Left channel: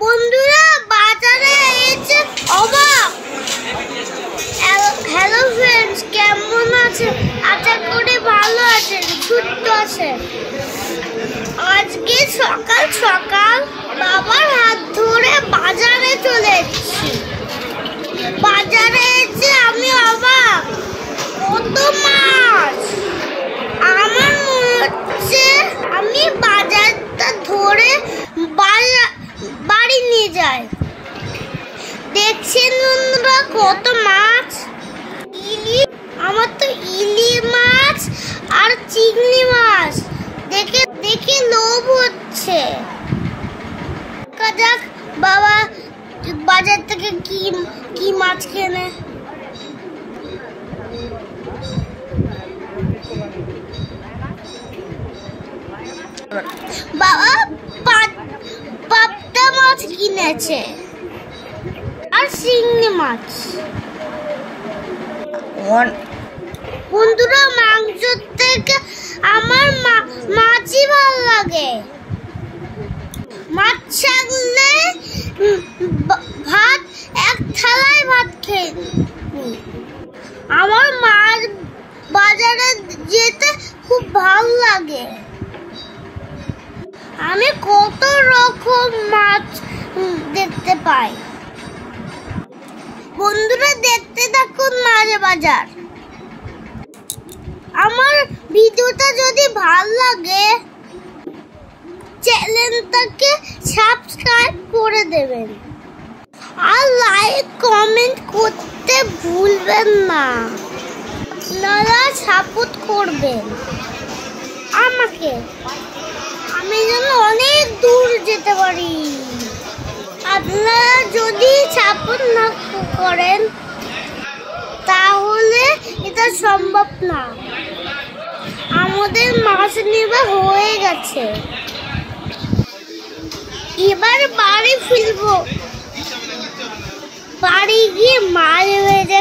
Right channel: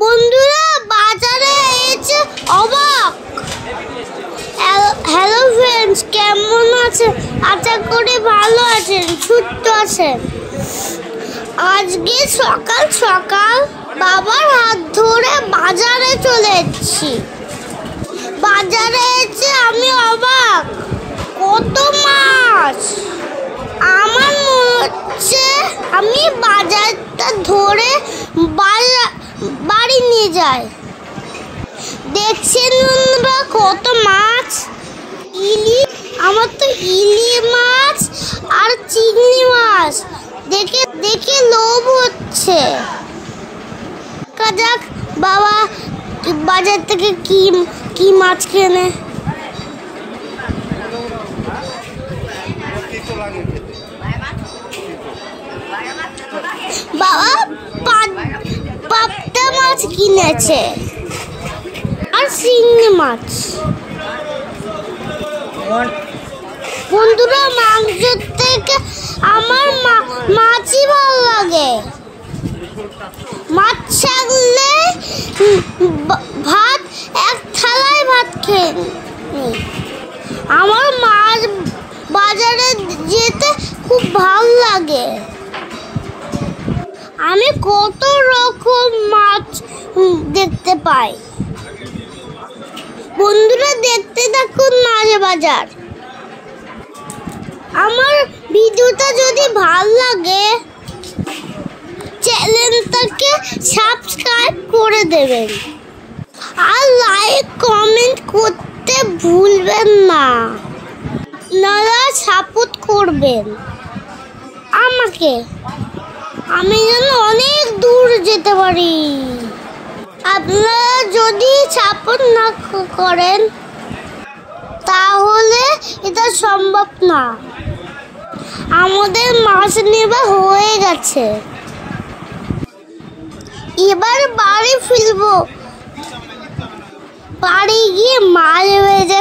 বন্ধুরা বাজারে এসে অবাক। হ্যালো ফ্রেন্ডস, কেমন আছেন? আশা করি ভালো আছেন, সুস্থ আছেন। আজকে সকাল সকাল বাবার হাত ধরে বাজারে চলে এসেছি। বাজারে এসে আমি অবাক, কত মাছ! আমার মনে হচ্ছে আমি বাজারটা ধরে বাড়ি নিয়ে যাই। দেখছেন বন্ধুরা কত মাছ! আমার তো ইলি মাছ আর চিংড়ি মাছ দেখে দেখে লোভ হচ্ছে। যাক বাবা বাজার থেকে কি মাছ কেনে। বাবা পাবদা মাছ কিনেছে আর চিংড়ি মাছ। বন্ধুরা মাংস থেকে আমার মাছই ভালো লাগে। মাছ থাকলে ভাত এক থালায় ভাত খেয়ে নিই। আমার মাছ বাজারে যেতে খুব ভালো লাগে। আমি কত রকম মাছ দেখতে পাই। বন্ধুরা দেখতে থাকুন মাঝে বাজার। আমার ভিডিওটা যদি ভালো লাগে চ্যানেলটাকে সাবস্ক্রাইব করে দেবেন আর লাইক কমেন্ট করতে ভুলবেন না। আপনারা সাপোর্ট করবেন আমাকে, আমি যেন অনেক দূর যেতে পারি। আপনারা যদি সাপোর্ট না করেন তাহলে এটা সম্ভব না। আমাদের মাছ নেওয়া হয়ে গেছে, এবার বাড়ি ফিরবো। বাড়ি গিয়ে মাছ ভেজে